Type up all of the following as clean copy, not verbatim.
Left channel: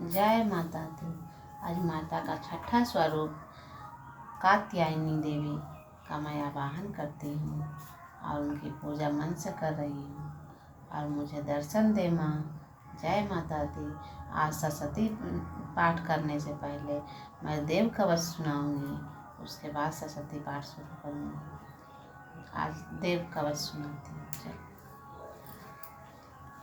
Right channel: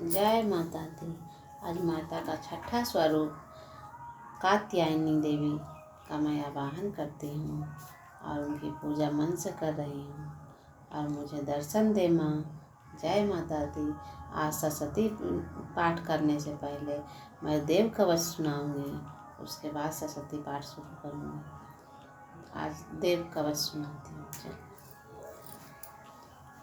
जय माता दी। आज माता का छठा स्वरूप कात्यायनी देवी का मैं आवाहन करती हूँ और उनकी पूजा मन से कर रही हूँ और मुझे दर्शन दे माँ। जय माता दी। आज सरस्वती पाठ करने से पहले मैं देव कवच सुनाऊंगी, उसके बाद सरस्वती पाठ शुरू करूँगी। आज देव कवच सुनाती हूँ।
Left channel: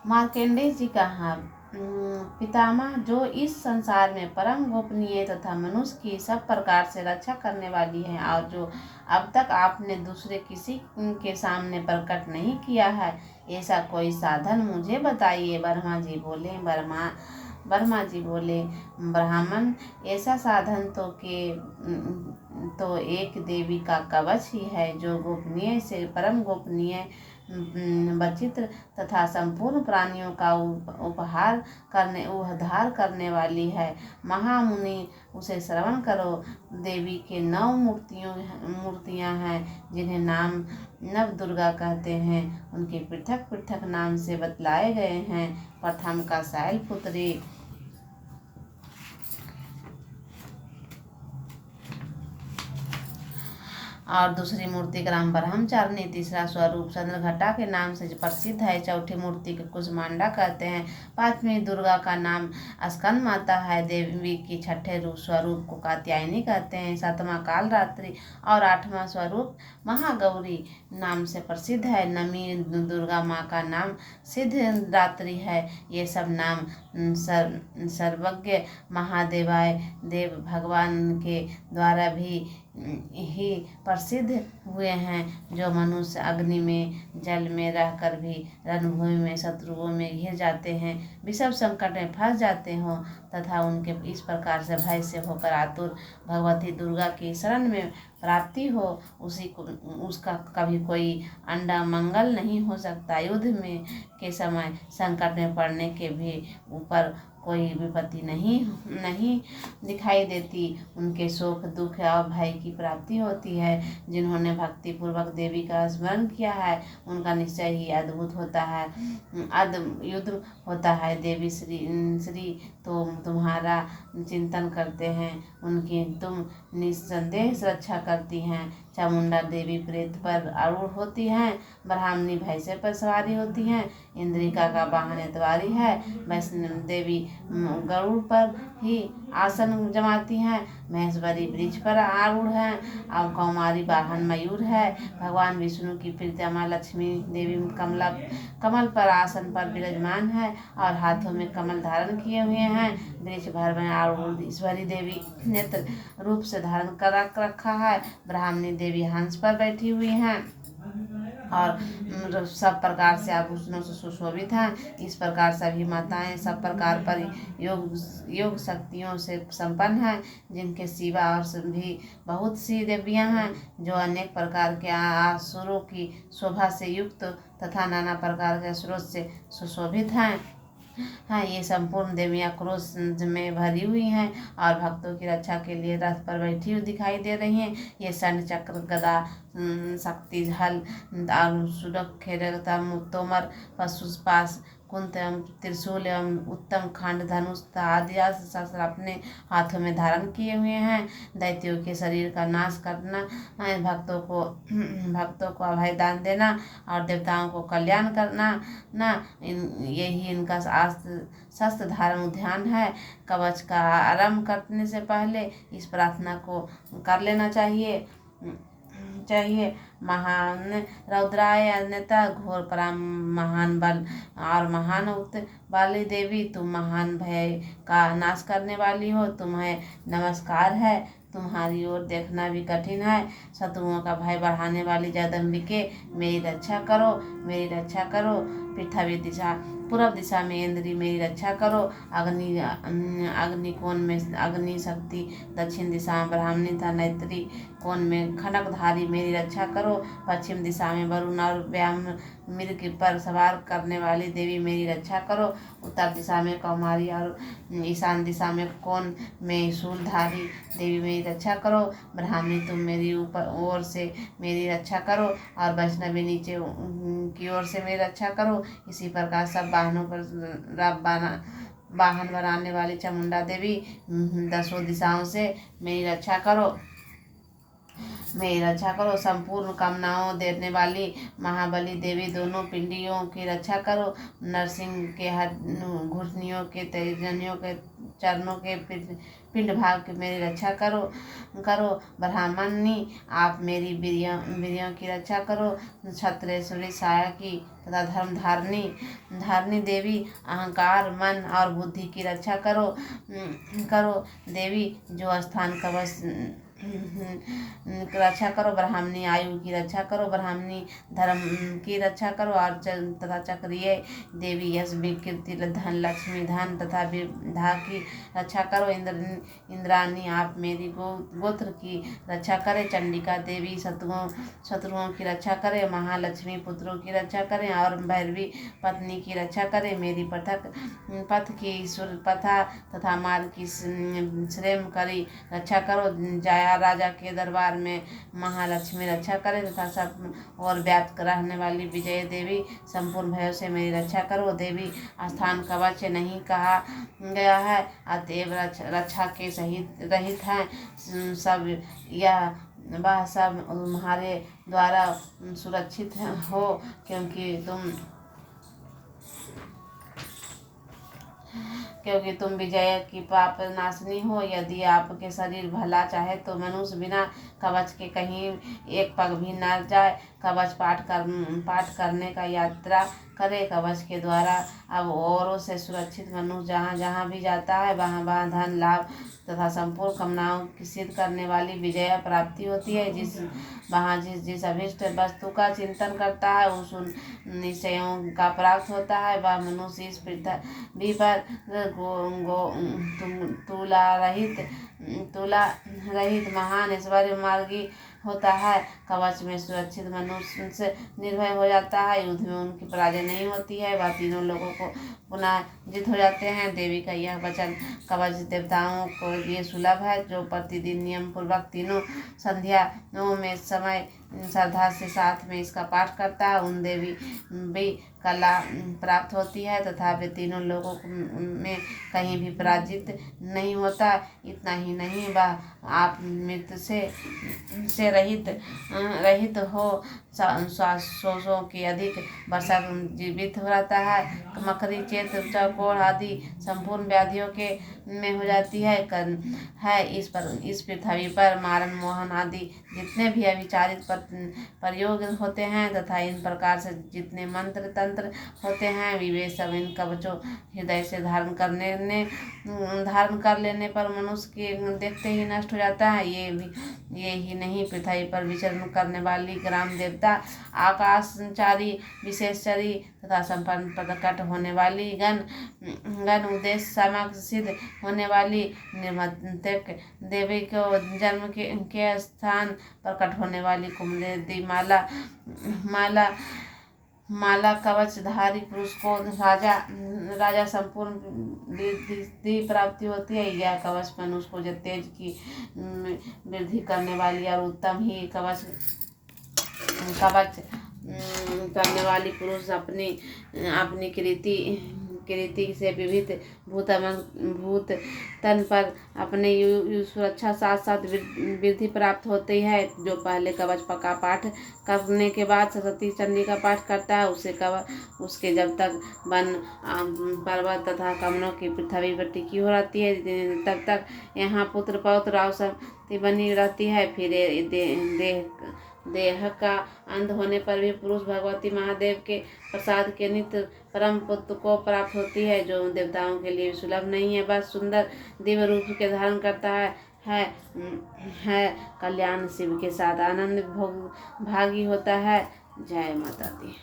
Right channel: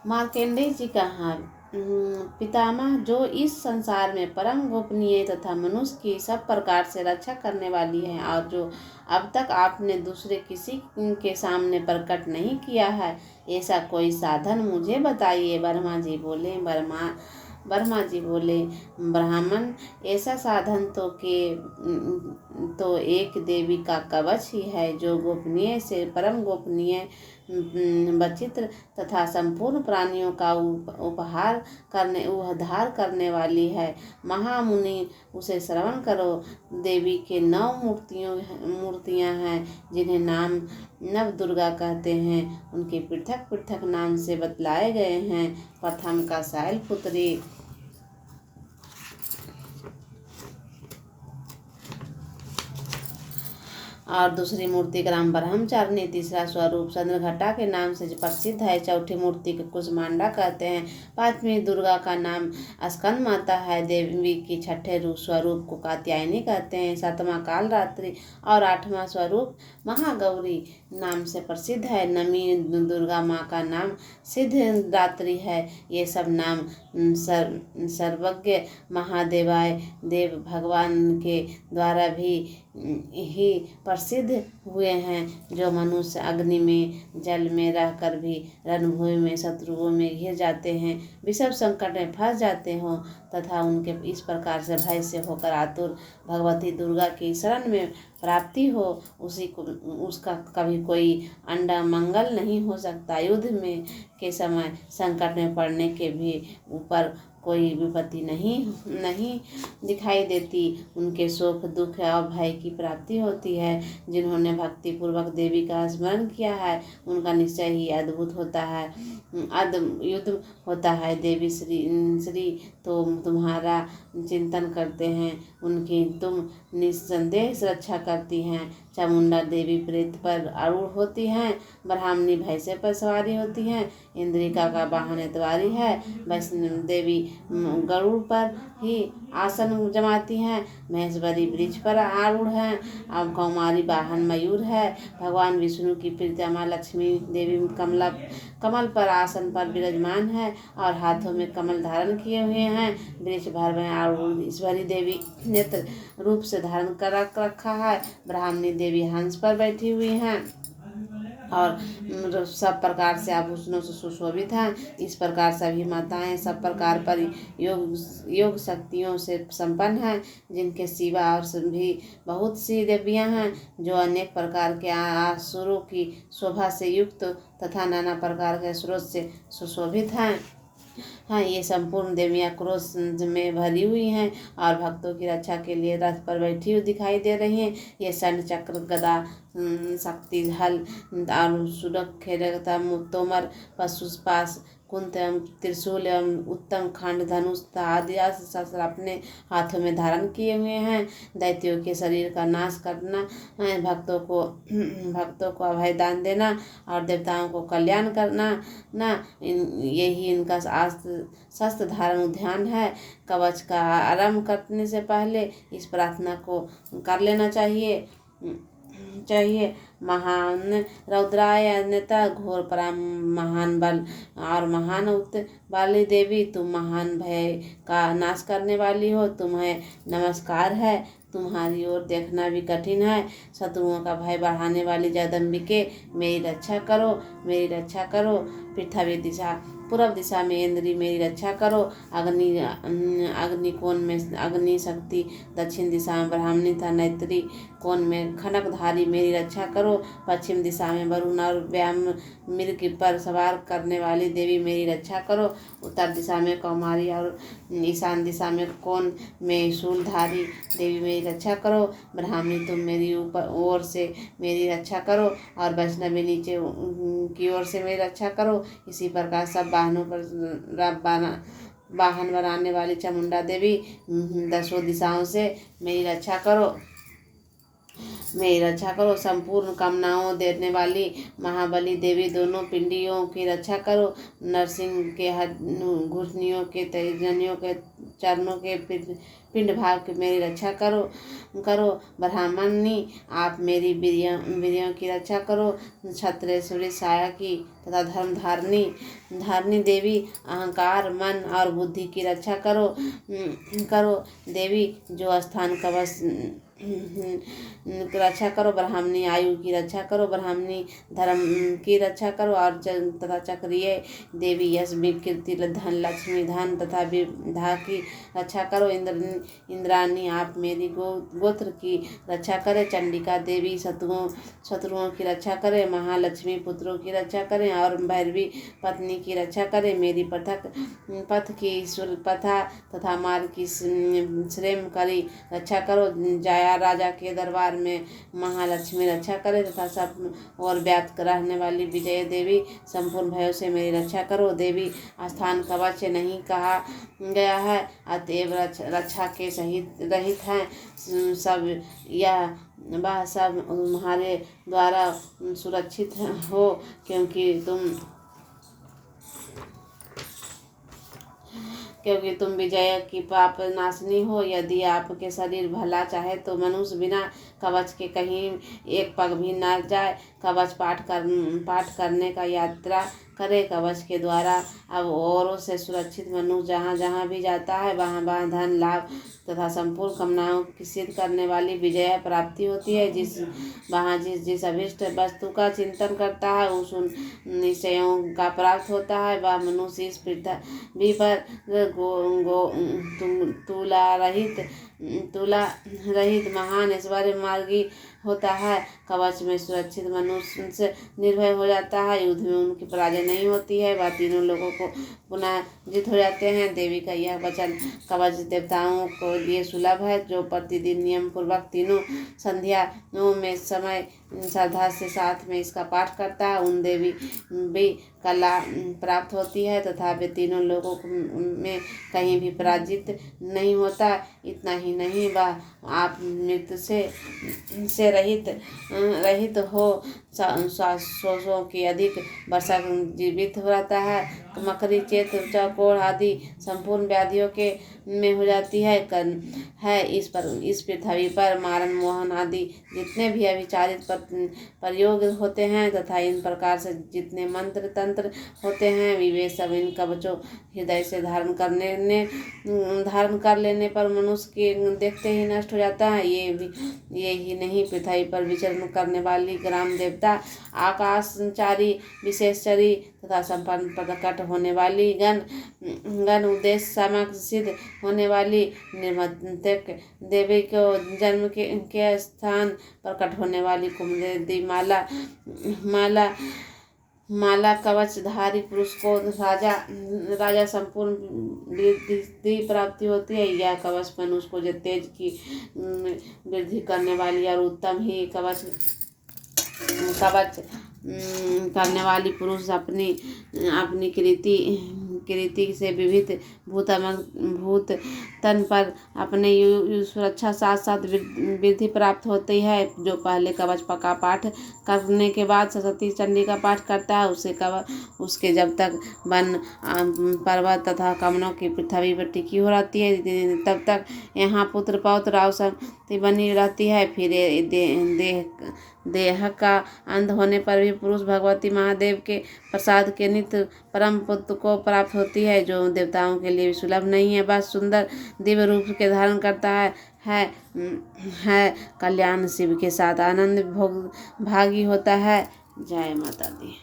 मार्कंडेय जी कहा, पितामह, जो इस संसार में परम गोपनीय तथा मनुष्य की सब प्रकार से रक्षा करने वाली है और जो अब तक आपने दूसरे किसी के सामने प्रकट नहीं किया है, ऐसा कोई साधन मुझे बताइए। ब्रह्मा जी बोले, ब्राह्मण, ऐसा साधन तो एक देवी का कवच ही है, जो गोपनीय से परम गोपनीय, विचित्र तथा संपूर्ण प्राणियों का उद्धार करने वाली है। महामुनि, उसे श्रवण करो। देवी के 9 मूर्तियां हैं, जिन्हें नाम नव दुर्गा कहते हैं। उनके पृथक पृथक नाम से बतलाए गए हैं। प्रथम का शैलपुत्री, और दूसरी मूर्ति ग्राम ब्रह्मचारिणी। तीसरा स्वरूप चंद्रघटा के नाम से प्रसिद्ध है। चौथी मूर्ति को कुसमांडा कहते हैं। पांचवी दुर्गा का नाम स्कंद माता है। देवी की छठे स्वरूप को कात्यायनी कहते हैं। सातवां कालरात्रि और आठवां स्वरूप महागौरी नाम से प्रसिद्ध है। नवी दुर्गा माँ का नाम सिद्धरात्रि है। ये सब नाम सर्वज्ञ महादेवाय देव भगवान के द्वारा भी ही प्रसिद्ध हुए हैं। जो मनुष्य अग्नि में, जल में रहकर भी रणभूमि में शत्रुओं में घिर जाते हैं, विषम संकट में फंस जाते हो तथा उनके इस प्रकार से भय से होकर आतुर भगवती दुर्गा की शरण में प्राप्ति हो, उसका कभी कोई अंडा मंगल नहीं हो सकता। युद्ध में के समय संकट में पड़ने के भी ऊपर कोई विपत्ति नहीं दिखाई देती। उनके सुख दुख और भय की प्राप्ति होती है। जिन्होंने भक्ति पूर्वक देवी का स्मरण किया है, उनका निश्चय ही अद्भुत होता है, युद्ध होता है। देवी श्री तो तुम्हारा चिंतन करते हैं, उनकी तुम निस्संदेह रक्षा करती हैं। चामुंडा देवी प्रेत पर आरूढ़ होती हैं। ब्राह्मणी भैंसे पर सवारी होती हैं। इंद्रिका का वाहन एतवारी है। वैष्णव देवी गरुड़ पर ही आसन जमाती हैं। महेश्वरी वृक्ष पर आरूढ़ हैं। अब कौमारी वाहन मयूर है। भगवान विष्णु की प्रीतमा लक्ष्मी देवी कमल पर आसन पर विराजमान है और हाथों में कमल धारण किए हुए हैं। वृक्ष भर में आरूढ़ ईश्वरी देवी नेत्र रूप से धारण कर रखा है। ब्राह्मणी देवी हंस पर बैठी हुई हैं और सब प्रकार से आभूषणों से सुशोभित हैं। इस प्रकार सभी माताएं सब प्रकार पर योग शक्तियों से संपन्न हैं, जिनके सिवा और भी बहुत सी देवियां हैं, जो अनेक प्रकार के आसुरों की शोभा से युक्त तथा नाना प्रकार के स्रोत से सुशोभित हैं। ये संपूर्ण देवियां क्रोध में भरी हुई हैं और भक्तों की रक्षा के लिए रथ पर बैठी हुई दिखाई दे रही हैं। ये षंड चक्र गदा शक्ति हल और सुरक्षा तोमर पशुपास कुंत एवं त्रिशूल एवं उत्तम खंड धनुष आदि शस्त्र अपने हाथों में धारण किए हुए हैं। दैत्यों के शरीर का नाश करना, भक्तों को अभय दान देना और देवताओं को कल्याण करना यही इनका शस्त्र धारण उद्यान है। कवच का आरंभ करने से पहले इस प्रार्थना को कर लेना चाहिए। महान रौद्राय अन्यथा घोर पराम महान बल और महान उत वाली देवी, तुम महान भय का नाश करने वाली हो, तुम्हें नमस्कार है। तुम्हारी ओर देखना भी कठिन है। शत्रुओं का भय बढ़ाने वाली जगदम्बिके, मेरी रक्षा करो। पृथ्वी दिशा पूर्व दिशा में इंद्री, मेरी रक्षा करो। अग्नि कोण में अग्नि शक्ति, दक्षिण दिशा में ब्राह्मणी तथा नैत्री कोण में खनकधारी, मेरी रक्षा करो। पश्चिम दिशा में वरुण और व्याम मृग पर सवार करने वाली देवी, मेरी रक्षा करो। उत्तर दिशा में कौमारी और ईशान दिशा में कोण में शूलधारी देवी, मेरी रक्षा करो। ब्राह्मणी, तुम मेरी ऊपर ओर से मेरी रक्षा करो और वैष्णवी नीचे की ओर से मेरी रक्षा करो। इसी प्रकार सब वाहनों पर वाहन बनाने वाली चामुंडा देवी, 10 दिशाओं से मेरी रक्षा करो, मेरी रक्षा करो। संपूर्ण कामनाओं देने वाली महाबली देवी, दोनों पिंडियों की रक्षा करो। नरसिंह के घुटनियों के, तेजनियों के, चरणों के, पिंड भाग की मेरी रक्षा करो करो। ब्राह्मणी, आप मेरी वीर्यों की रक्षा करो। क्षत्रेश्वरी साया की तथा धर्म धारणी देवी, अहंकार, मन और बुद्धि की रक्षा करो करो देवी। जो स्थान कवच रक्षा करो। ब्राह्मणी आयु की रक्षा करो। ब्राह्मणी धर्म की रक्षा करो और तथा चक्रीय देवी यश, कीर्ति, धन, लक्ष्मी, धन तथा विद्या की रक्षा करो। इंद्राणी, आप मेरी गोत्र की रक्षा करें। चंडिका देवी शत्रुओं की रक्षा करें। महालक्ष्मी पुत्रों की रक्षा करें और भैरवी पत्नी की रक्षा करें। मेरी पथ की सुरपथा तथा मार्ग की श्रेम करी रक्षा करो। जया राजा के दरबार में महालक्ष्मी रक्षा करे तथा सब और व्याप्त रहने वाली विजय देवी, संपूर्ण भयों से मेरी रक्षा करो देवी। स्थान कवच नहीं कहा गया है, अतएव रक्षा के सहित रहित है सब, यह वह सब तुम्हारे द्वारा सुरक्षित हो, क्योंकि तुम विजय की पाप नाशनी हो। यदि आपके शरीर भला चाहे तो मनुष्य बिना कवच के कहीं एक पग भी न जाए। कवच पाठ करने का यात्रा करे। कवच के द्वारा अब औरों से सुरक्षित मनुष्य जहाँ जहाँ भी जाता है, वहाँ वहाँ धन लाभ तथा संपूर्ण कामनाओं की सिद्ध करने वाली विजय प्राप्ति होती है। जिस अभिष्ट वस्तु का चिंतन करता है उस निश्चयों का प्राप्त होता है। वह मनुष्य इस पृथ्वी पर तुला रहित महान ऐश्वर्य मार्गी होता है। कवच में सुरक्षित मनुष्य से निर्भय हो जाता है। युद्ध में उनकी पराजय नहीं होती है, वह तीनों लोगों को पुनः जीत हो जाते हैं। देवी का यह वचन कवच देवताओं को लिए सुलभ है। जो प्रतिदिन नियम पूर्वक तीनों संध्याओं में समय श्रद्धा से साथ में इसका पाठ करता है, उन देवी भी कला प्राप्त होती है तथा वे तीनों लोगों में कहीं भी पराजित नहीं होता। इतना ही नहीं, वह आप मृत्यु से रहित हो, श्वासों की अधिक वर्षा जीवित हो रहता है। मकरी, चेत, चौकोर आदि संपूर्ण व्याधियों के में हो जाती है। इस पृथ्वी पर मारण, मोहन आदि जितने भी अविचारित प्रयोग होते हैं तथा इन प्रकार से जितने मंत्र तंत्र होते हैं, वे सब इन कवचों हृदय से धारण कर लेने पर मनुष्य के देखते ही नष्ट हो जाता है। ये ही नहीं, पृथ्वी पर विचरण करने वाली ग्राम देवता, आकाशचारी, विशेषचरी तथा संपन्न प्रकट होने वाली गण उद्देश्य समक्ष सिद्ध होने वाली निर्मतक देवी को जन्म के स्थान प्रकट होने वाली कुमुदेवी माला कवचधारी पुरुष को राजा संपूर्ण वृद्धि प्राप्ति होती है। यह कवच मनुष्य को तेज की वृद्धि करने वाली और उत्तम ही कवच करने वाली पुरुष अपनी कृति से विविध भूत तन पर अपने सुरक्षा साथ साथ वृद्धि प्राप्त होती है। जो पहले कवच का पाठ करने के बाद सरस्वती चंडी का पाठ करता है, उसके जब तक वन पर्वत तथा कमलों की पृथ्वी पर टिकी हो रहती है, तब तक यहाँ पुत्र पौत्र और संपत्ति बनी रहती है। फिर देह का अंत होने पर भी पुरुष भगवती महादेव के प्रसाद के नित्य परम पुत्र को प्राप्त होती है, जो देवताओं के लिए सुलभ नहीं है। बस सुंदर दिव्य रूप के धारण करता है कल्याण शिव के साथ आनंद भागी होता है। जय माता दी।